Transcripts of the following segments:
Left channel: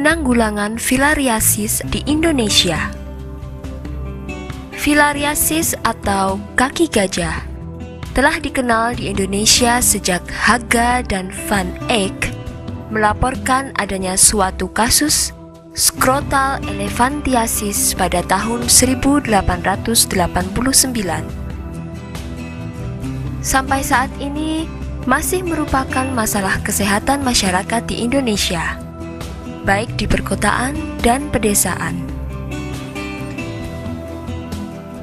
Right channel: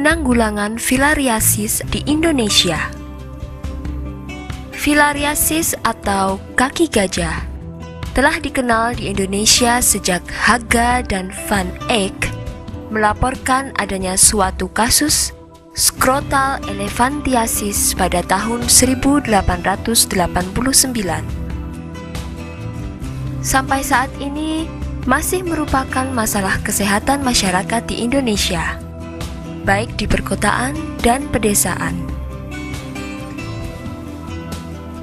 penanggulangan filariasis di Indonesia. Filariasis atau kaki gajah telah dikenal di Indonesia sejak Haga dan Van Eyck melaporkan adanya suatu kasus skrotal elephantiasis pada tahun 1889. Sampai saat ini masih merupakan masalah kesehatan masyarakat di Indonesia, baik di perkotaan dan pedesaan.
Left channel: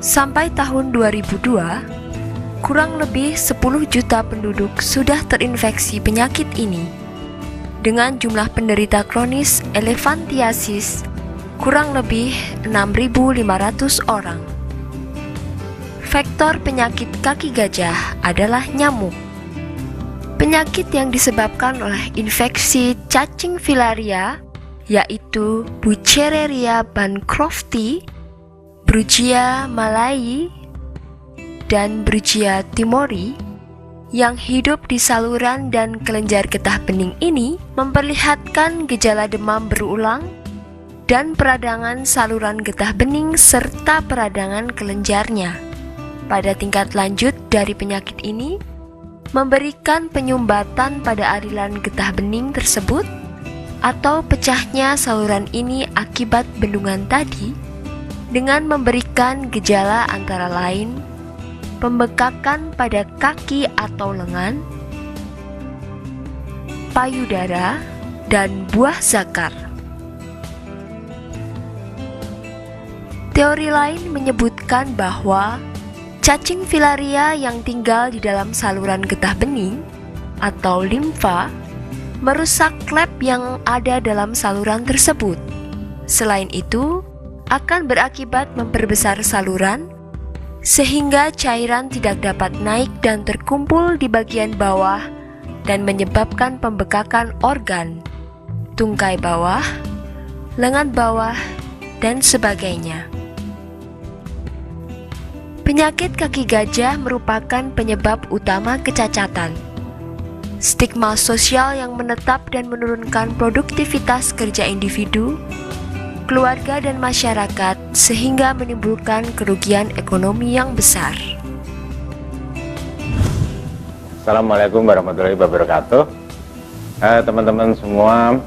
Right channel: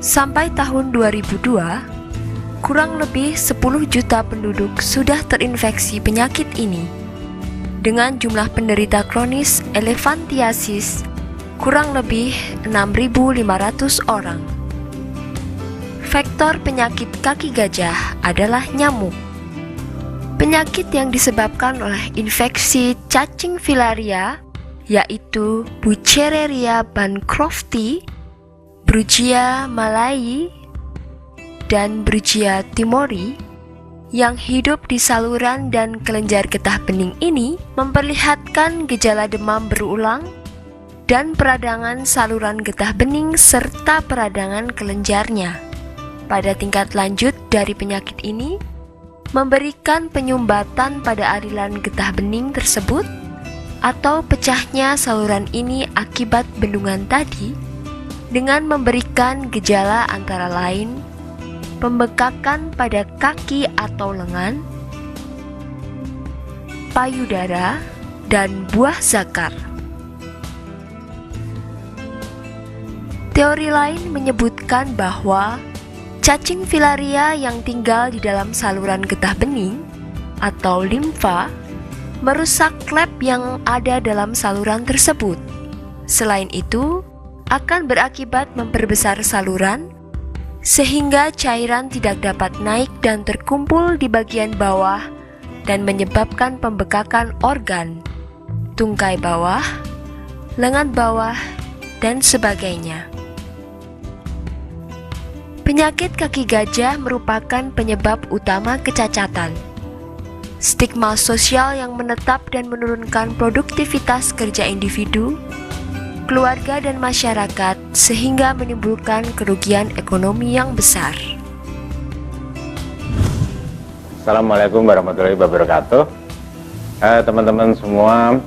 Sampai tahun 2002, kurang lebih 10 juta penduduk sudah terinfeksi penyakit ini, dengan jumlah penderita kronis elephantiasis kurang lebih 6.500 orang. Faktor penyakit kaki gajah adalah nyamuk. Penyakit yang disebabkan oleh infeksi cacing filaria yaitu Buchereria bancrofti, Brugia malayi, dan Brugia timori yang hidup di saluran dan kelenjar getah bening ini memperlihatkan gejala demam berulang dan peradangan saluran getah bening serta peradangan kelenjarnya. Pada tingkat lanjut dari penyakit ini, memberikan penyumbatan pada aliran getah bening tersebut atau pecahnya saluran ini akibat bendungan tadi dengan memberikan gejala antara lain pembekakan pada kaki atau lengan, payudara, dan buah zakar. Teori lain menyebutkan bahwa cacing filaria yang tinggal di dalam saluran getah bening atau limfa merusak klep yang ada dalam saluran tersebut. Selain itu, akan berakibat memperbesar saluran sehingga cairan tidak dapat naik dan terkumpul di bagian bawah dan menyebabkan pembekakan organ, tungkai bawah, lengan bawah, dan sebagainya. Penyakit kaki gajah merupakan penyebab utama kecacatan. Stigma sosial yang menetap dan menurunkan produktivitas kerja individu, keluarga dan masyarakat sehingga menimbulkan kerugian ekonomi yang besar. Assalamualaikum warahmatullahi wabarakatuh. Teman-teman semua,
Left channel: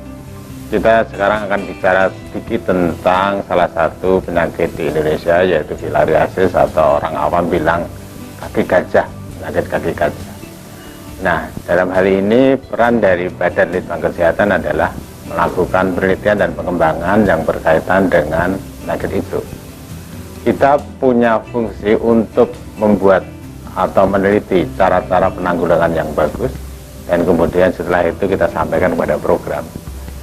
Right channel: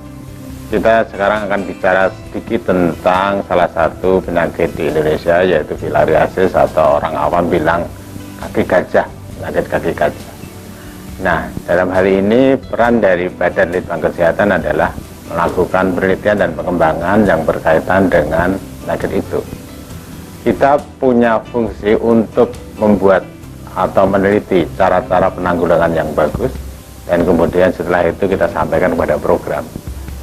kita sekarang akan bicara sedikit tentang salah satu penyakit di Indonesia, yaitu filariasis atau orang awam bilang kaki gajah, penyakit kaki gajah. Nah, dalam hal ini peran dari Badan Litbang Kesehatan adalah melakukan penelitian dan pengembangan yang berkaitan dengan penyakit itu. Kita punya fungsi untuk membuat atau meneliti cara-cara penanggulangan yang bagus, dan kemudian setelah itu kita sampaikan kepada program.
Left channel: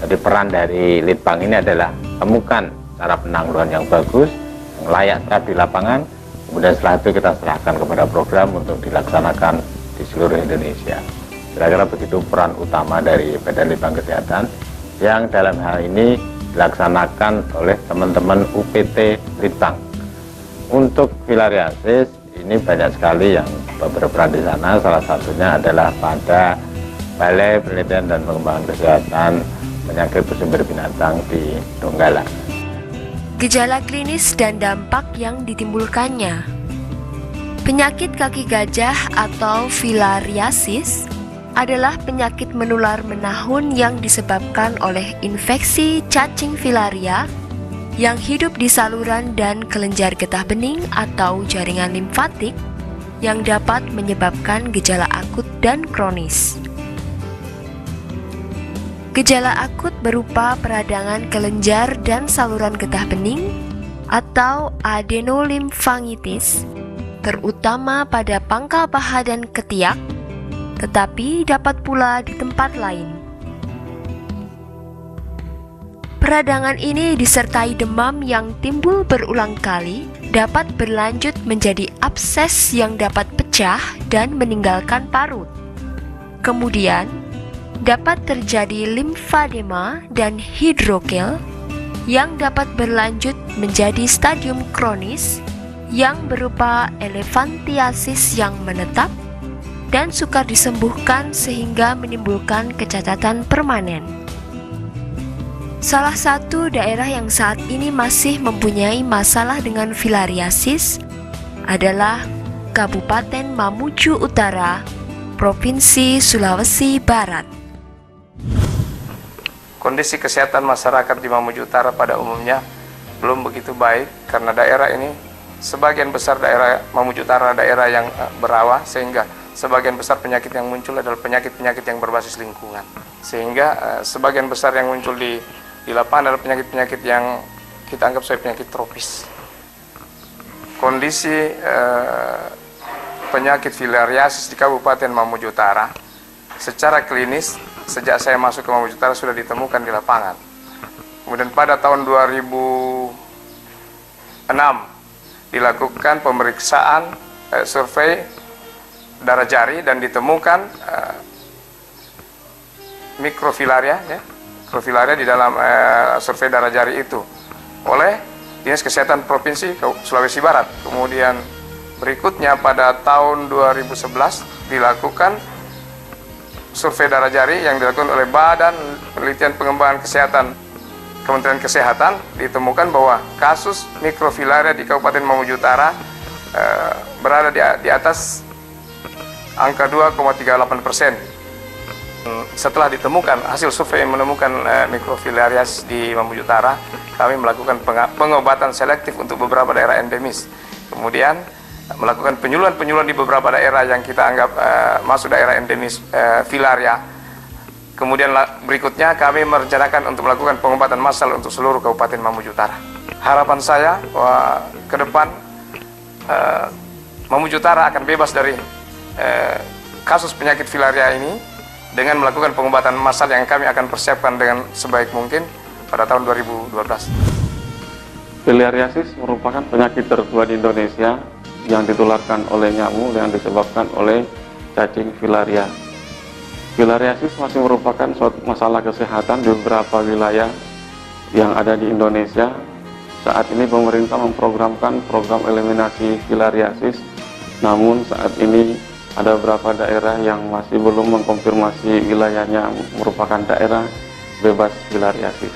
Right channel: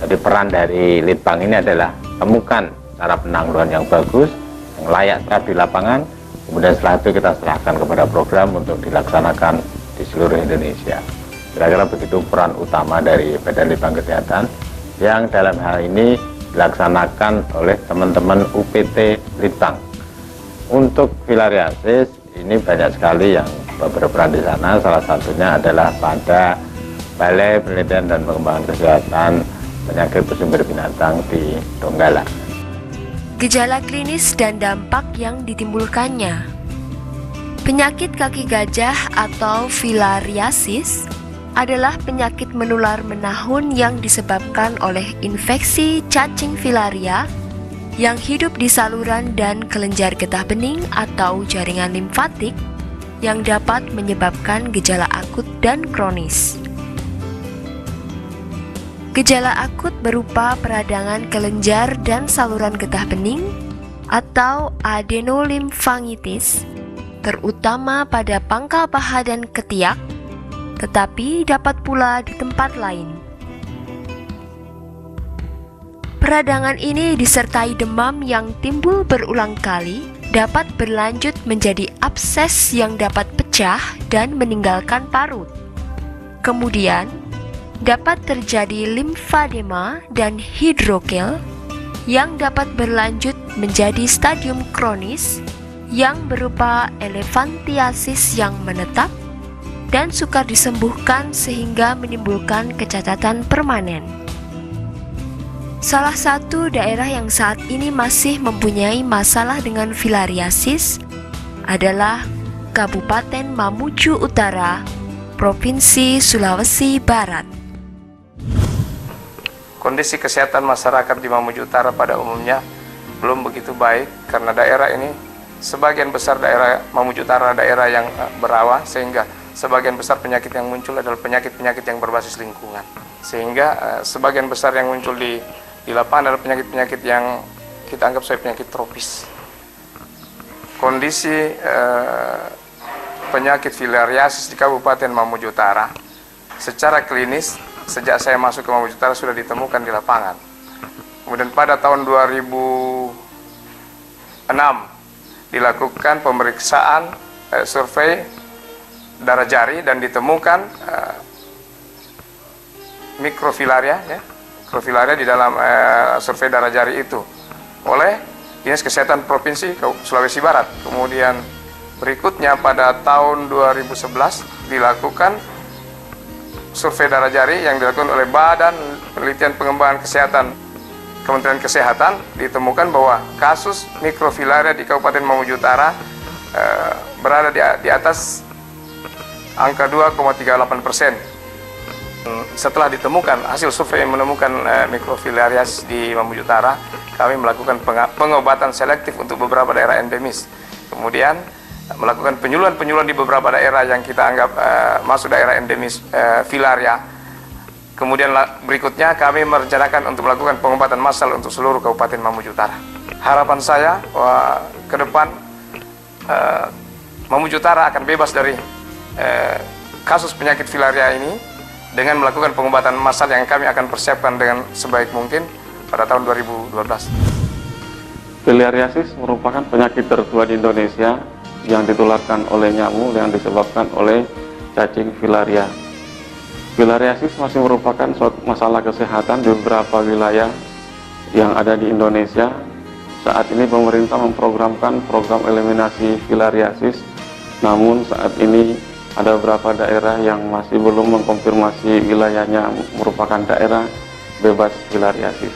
Jadi peran dari Litbang ini adalah temukan cara penanggulangan yang bagus, yang layak terapkan di lapangan, kemudian setelah itu kita serahkan kepada program untuk dilaksanakan di seluruh Indonesia. Kira-kira begitu peran utama dari Badan Litbang Kesehatan, yang dalam hal ini dilaksanakan oleh teman-teman UPT Litbang. Untuk filariasis ini banyak sekali yang berperan di sana, salah satunya adalah pada Balai Penelitian dan Pengembangan Kesehatan Penyakit Bersumber Binatang di Donggala. Gejala klinis dan dampak yang ditimbulkannya. Penyakit kaki gajah atau filariasis adalah penyakit menular menahun yang disebabkan oleh infeksi cacing filaria yang hidup di saluran dan kelenjar getah bening atau jaringan limfatik yang dapat menyebabkan gejala akut dan kronis. Gejala akut berupa peradangan kelenjar dan saluran getah bening atau adenolimfangitis, terutama pada pangkal paha dan ketiak, tetapi dapat pula di tempat lain. Peradangan ini disertai demam yang timbul berulang kali, dapat berlanjut menjadi abses yang dapat pecah dan meninggalkan parut. Kemudian, dapat terjadi limfadema dan hidrokel yang dapat berlanjut menjadi stadium kronis yang berupa elephantiasis yang menetap dan sukar disembuhkan sehingga menimbulkan kecacatan permanen. Salah satu daerah yang saat ini masih mempunyai masalah dengan filariasis adalah Kabupaten Mamuju Utara, Provinsi Sulawesi Barat. Kondisi kesehatan masyarakat di Mamuju Utara pada umumnya belum begitu baik karena daerah ini sebagian besar daerah Mamuju Utara daerah yang berawa, sehingga sebagian besar penyakit yang muncul adalah penyakit-penyakit yang berbasis lingkungan, sehingga sebagian besar yang muncul di lapangan adalah penyakit-penyakit yang kita anggap sebagai penyakit tropis. Kondisi penyakit filariasis di Kabupaten Mamuju Utara secara klinis sejak saya masuk ke Mamuju Utara sudah ditemukan di lapangan. Kemudian pada tahun 2006 dilakukan pemeriksaan survei darah jari dan ditemukan mikrofilaria, mikrofilaria di dalam survei darah jari itu oleh Dinas Kesehatan Provinsi Sulawesi Barat. Kemudian berikutnya pada tahun 2011 dilakukan survei darah jari yang dilakukan oleh Badan Penelitian Pengembangan Kesehatan Kementerian Kesehatan, ditemukan bahwa kasus mikrofilaria di Kabupaten Mamuju Utara berada di atas angka 2,38%. Setelah ditemukan hasil survei menemukan mikrofilarias di Mamuju Utara, kami melakukan pengobatan selektif untuk beberapa daerah endemis. Kemudian melakukan penyuluhan-penyuluhan di beberapa daerah yang kita anggap masuk daerah endemis filaria. Kemudian berikutnya kami merencanakan untuk melakukan pengobatan massal untuk seluruh Kabupaten Mamuju Utara. Harapan saya bahwa ke depan Mamuju Utara akan bebas dari kasus penyakit filaria ini dengan melakukan pengobatan massal yang kami akan persiapkan dengan sebaik mungkin pada tahun 2012. Filariasis merupakan penyakit tertua di Indonesia yang ditularkan oleh nyamuk yang disebabkan oleh cacing filaria. Filariasis masih merupakan suatu masalah kesehatan di beberapa wilayah yang ada di Indonesia. Saat ini pemerintah memprogramkan program eliminasi filariasis, namun saat ini ada beberapa daerah yang masih belum mengkonfirmasi wilayahnya merupakan daerah bebas filariasis.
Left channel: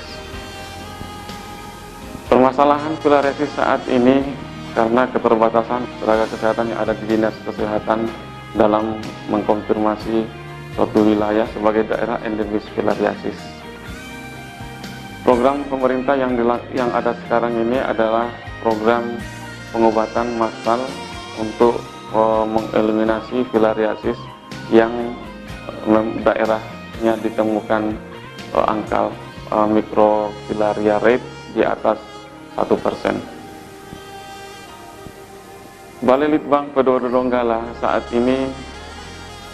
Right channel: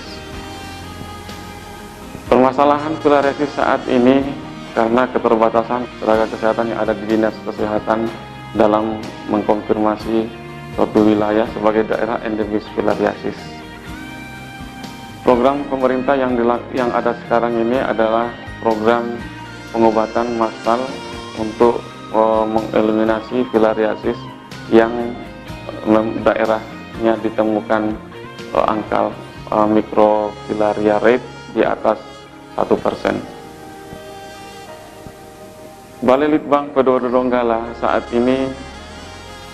Permasalahan filariasis saat ini karena keterbatasan tenaga kesehatan yang ada di Dinas Kesehatan dalam mengkonfirmasi suatu wilayah sebagai daerah endemis filariasis. Program pemerintah yang ada sekarang ini adalah program pengobatan massal untuk mengeliminasi filariasis yang daerahnya ditemukan angka mikrofilaria rate di atas 1%. Balai Litbang P2 Donggala saat ini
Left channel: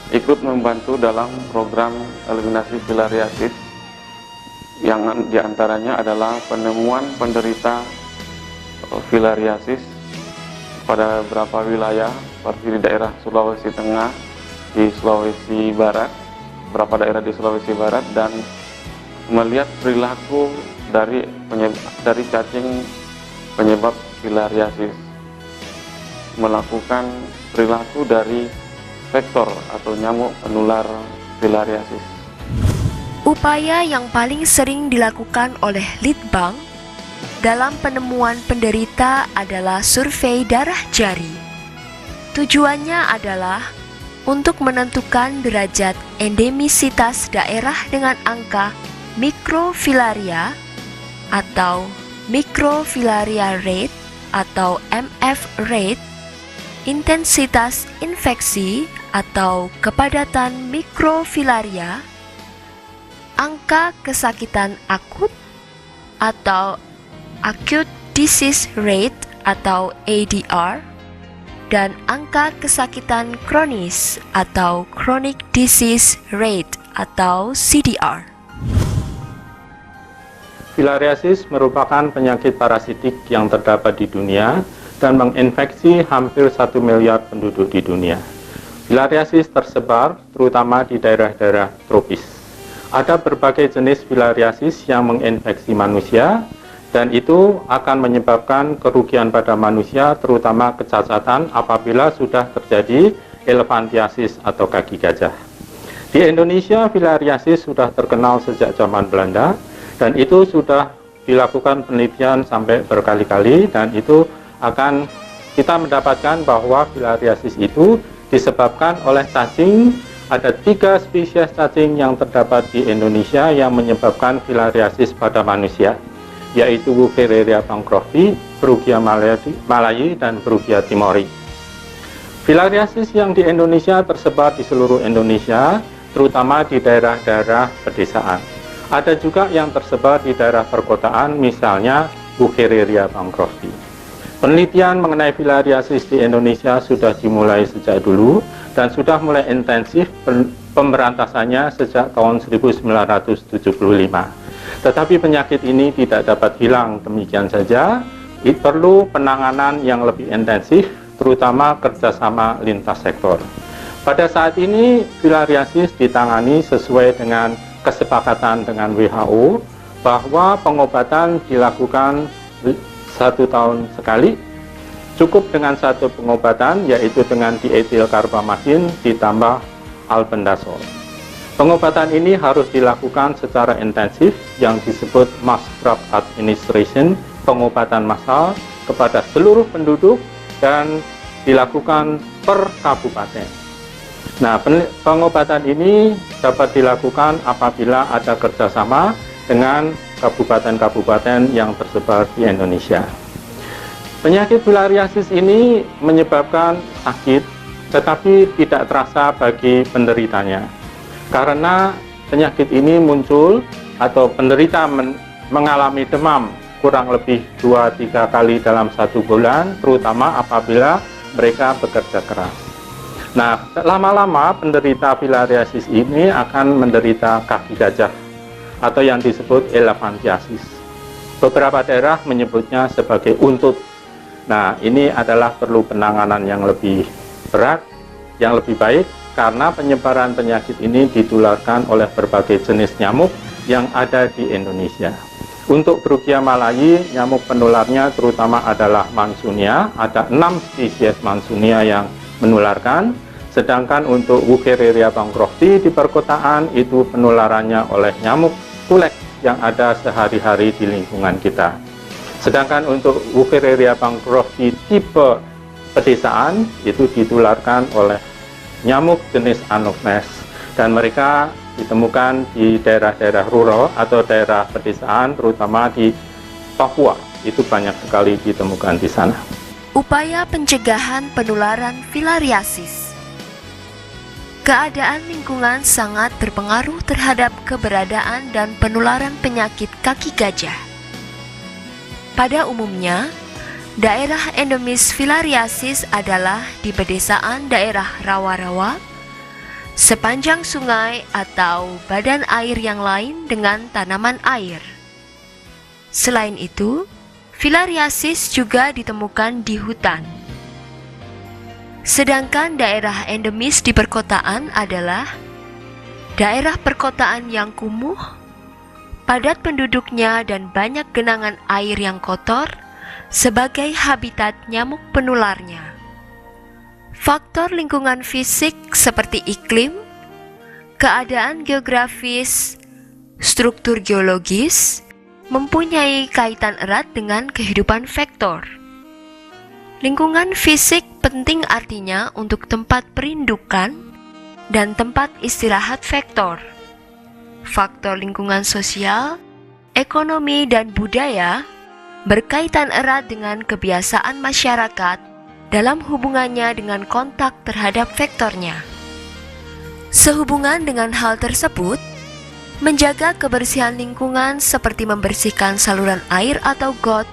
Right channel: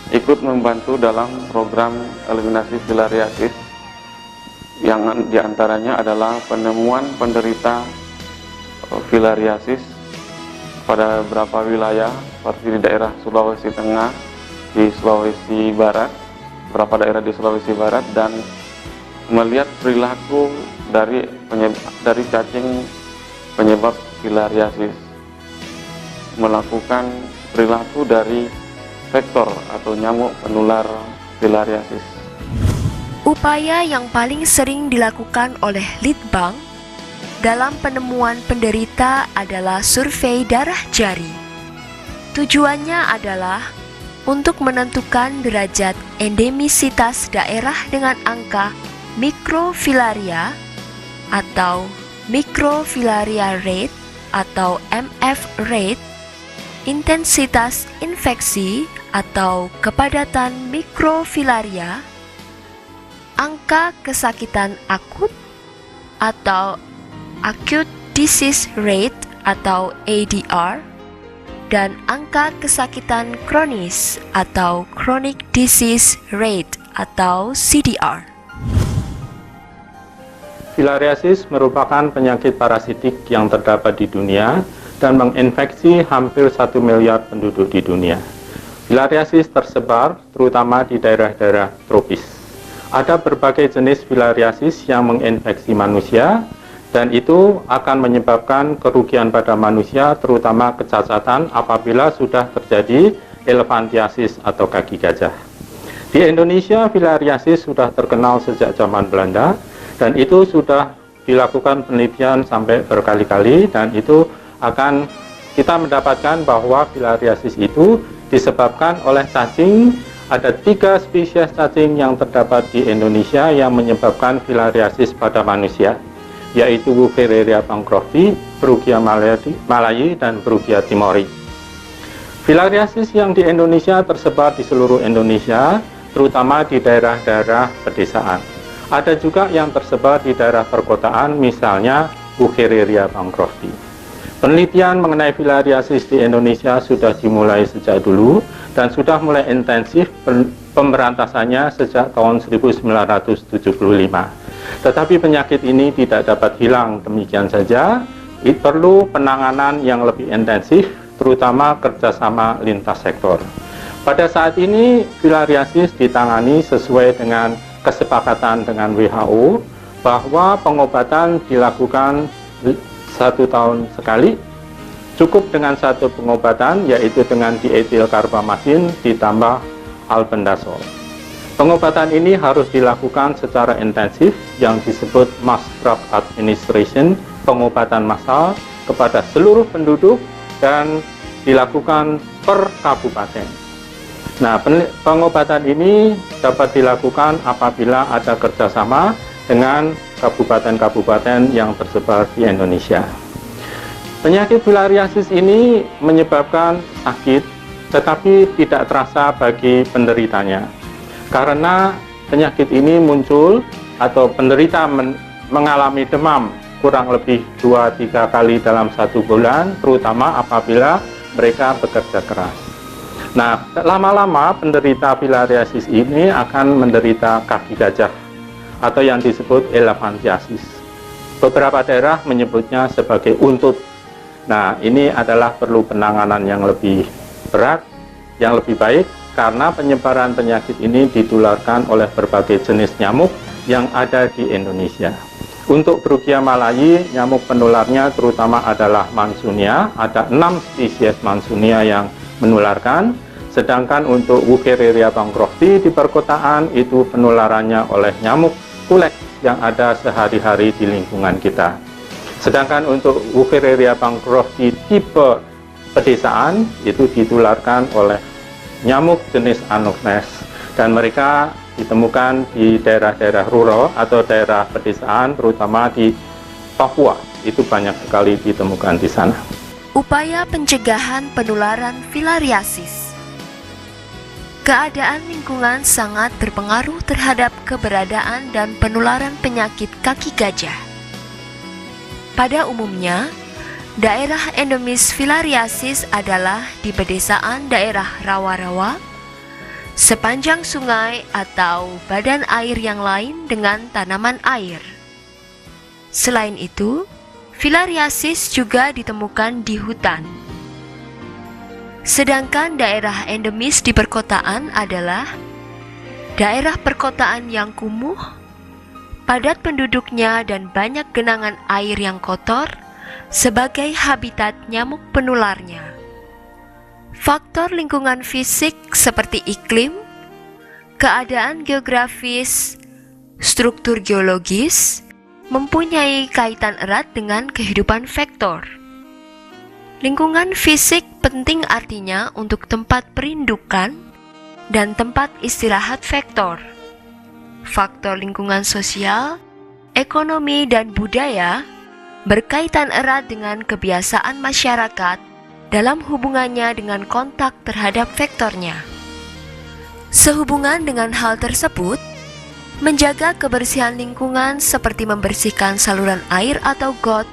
ikut membantu dalam program eliminasi filariasis yang diantaranya adalah penemuan penderita filariasis pada beberapa wilayah seperti di daerah Sulawesi Tengah, di Sulawesi Barat, beberapa daerah di Sulawesi Barat, dan melihat perilaku dari cacing penyebab filariasis, melakukan perilaku dari vektor atau nyamuk penular filariasis. Upaya yang paling sering dilakukan oleh Litbang dalam penemuan penderita adalah survei darah jari. Tujuannya adalah untuk menentukan derajat endemisitas daerah dengan angka mikrofilaria atau mikrofilaria rate atau MF rate, intensitas infeksi atau kepadatan mikrofilaria, angka kesakitan akut atau acute disease rate atau ADR, dan angka kesakitan kronis atau chronic disease rate atau CDR. Filariasis merupakan penyakit parasitik yang terdapat di dunia dan menginfeksi hampir 1 miliar penduduk di dunia. Filariasis tersebar terutama di daerah-daerah tropis. Ada berbagai jenis filariasis yang menginfeksi manusia, dan itu akan menyebabkan kerugian pada manusia, terutama kecacatan apabila sudah terjadi elephantiasis atau kaki gajah. Di Indonesia, filariasis sudah terkenal sejak zaman Belanda. Dan itu sudah dilakukan penelitian sampai berkali-kali, dan itu akan kita mendapatkan bahwa filariasis itu disebabkan oleh cacing. Ada 3 spesies cacing yang terdapat di Indonesia yang menyebabkan filariasis pada manusia, yaitu Wuchereria bancrofti, Brugia malayi, dan Brugia timori. Filariasis yang di Indonesia tersebar di seluruh Indonesia, terutama di daerah-daerah pedesaan. Ada juga yang tersebar di daerah perkotaan, misalnya Wuchereria bancrofti. Penelitian mengenai filariasis di Indonesia sudah dimulai sejak dulu dan sudah mulai intensif pemberantasannya sejak tahun 1975. Tetapi penyakit ini tidak dapat hilang demikian saja, perlu penanganan yang lebih intensif, terutama kerjasama lintas sektor. Pada saat ini, filariasis ditangani sesuai dengan kesepakatan dengan WHO bahwa pengobatan dilakukan 1 tahun sekali, cukup dengan 1 pengobatan, yaitu dengan dietilkarbamatin ditambah albendazole. Pengobatan ini harus dilakukan secara intensif yang disebut mass drug administration, pengobatan massal kepada seluruh penduduk dan dilakukan per kabupaten. Nah, pengobatan ini dapat dilakukan apabila ada kerjasama dengan kabupaten-kabupaten yang tersebar di Indonesia. Penyakit filariasis ini menyebabkan sakit, tetapi tidak terasa bagi penderitanya. Karena penyakit ini muncul atau penderita mengalami demam kurang lebih 2-3 kali dalam 1 bulan, terutama apabila mereka bekerja keras. Nah, lama-lama penderita filariasis ini akan menderita kaki gajah atau yang disebut elephantiasis. Beberapa daerah menyebutnya sebagai untut. Nah, ini adalah perlu penanganan yang lebih berat, yang lebih baik, karena penyebaran penyakit ini ditularkan oleh berbagai jenis nyamuk yang ada di Indonesia. Untuk Brugia malayi, nyamuk penularnya terutama adalah Mansunia, ada 6 spesies Mansunia yang menularkan, sedangkan untuk Wuchereria bancrofti di perkotaan itu penularannya oleh nyamuk kulek yang ada sehari-hari di lingkungan kita. Sedangkan untuk Wuchereria bancrofti tipe pedesaan itu ditularkan oleh nyamuk jenis Anopheles, dan mereka ditemukan di daerah-daerah rural atau daerah pedesaan, terutama di Papua. Itu banyak sekali ditemukan di sana. Upaya pencegahan penularan filariasis. Keadaan lingkungan sangat berpengaruh terhadap keberadaan dan penularan penyakit kaki gajah. Pada umumnya, daerah endemis filariasis adalah di pedesaan daerah rawa-rawa, sepanjang sungai atau badan air yang lain dengan tanaman air. Selain itu, filariasis juga ditemukan di hutan. Sedangkan daerah endemis di perkotaan adalah daerah perkotaan yang kumuh, padat penduduknya dan banyak genangan air yang kotor sebagai habitat nyamuk penularnya. Faktor lingkungan fisik seperti iklim, keadaan geografis, struktur geologis mempunyai kaitan erat dengan kehidupan vektor. Lingkungan fisik penting artinya untuk tempat perindukan dan tempat istirahat vektor. Faktor lingkungan sosial, ekonomi, dan budaya berkaitan erat dengan kebiasaan masyarakat dalam hubungannya dengan kontak terhadap vektornya. Sehubungan dengan hal tersebut, menjaga kebersihan lingkungan seperti membersihkan saluran air atau got,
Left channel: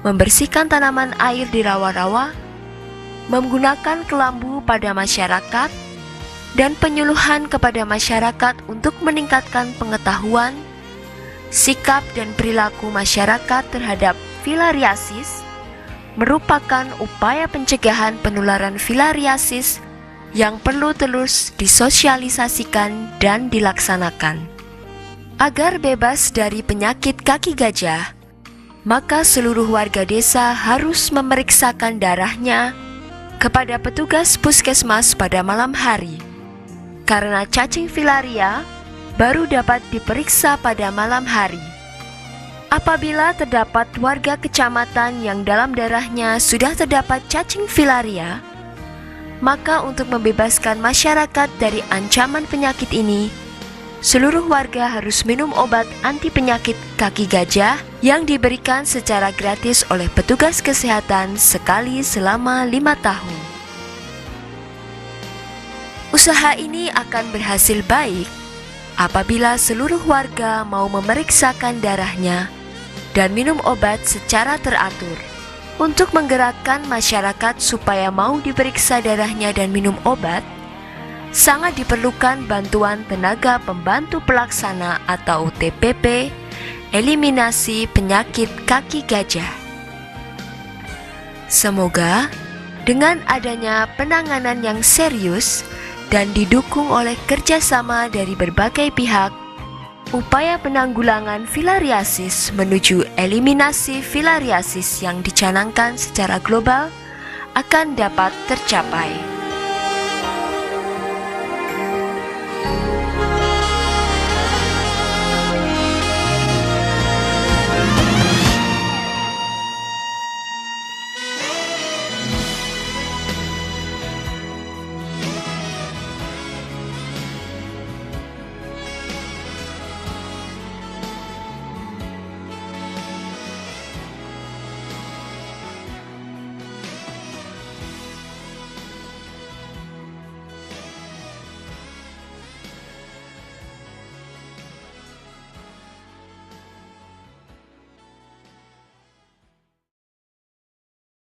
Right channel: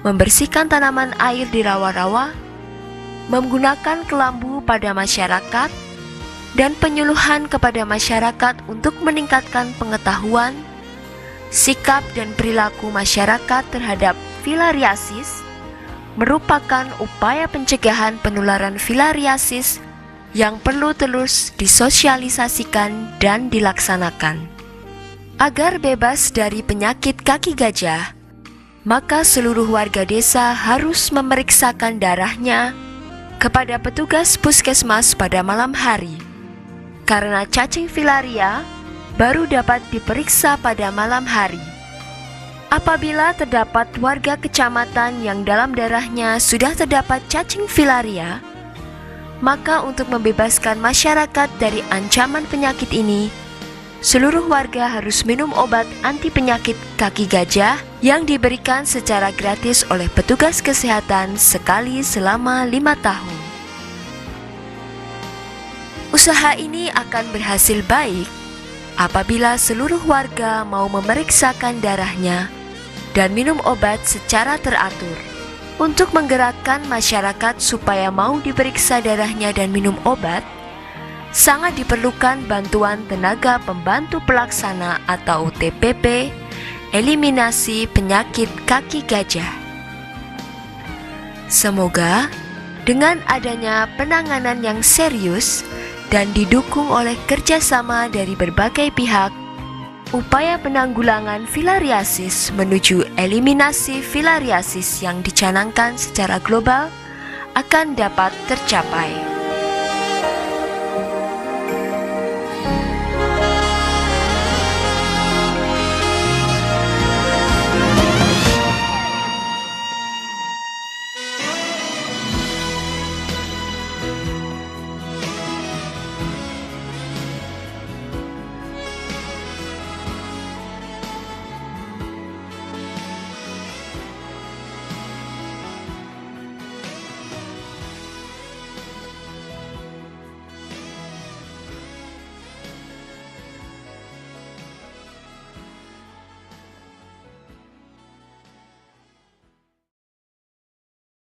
membersihkan tanaman air di rawa-rawa, menggunakan kelambu pada masyarakat, dan penyuluhan kepada masyarakat untuk meningkatkan pengetahuan, sikap dan perilaku masyarakat terhadap filariasis merupakan upaya pencegahan penularan filariasis yang perlu terus disosialisasikan dan dilaksanakan. Agar bebas dari penyakit kaki gajah, maka seluruh warga desa harus memeriksakan darahnya kepada petugas puskesmas pada malam hari. Karena cacing filaria baru dapat diperiksa pada malam hari. Apabila terdapat warga kecamatan yang dalam darahnya sudah terdapat cacing filaria, maka untuk membebaskan masyarakat dari ancaman penyakit ini, seluruh warga harus minum obat anti penyakit kaki gajah yang diberikan secara gratis oleh petugas kesehatan sekali selama 5 tahun. Usaha ini akan berhasil baik apabila seluruh warga mau memeriksakan darahnya dan minum obat secara teratur. Untuk menggerakkan masyarakat supaya mau diperiksa darahnya dan minum obat, sangat diperlukan bantuan tenaga pembantu pelaksana atau TPP, eliminasi penyakit kaki gajah. Semoga dengan adanya penanganan yang serius dan didukung oleh kerjasama dari berbagai pihak, upaya penanggulangan filariasis menuju eliminasi filariasis yang dicanangkan secara global akan dapat tercapai.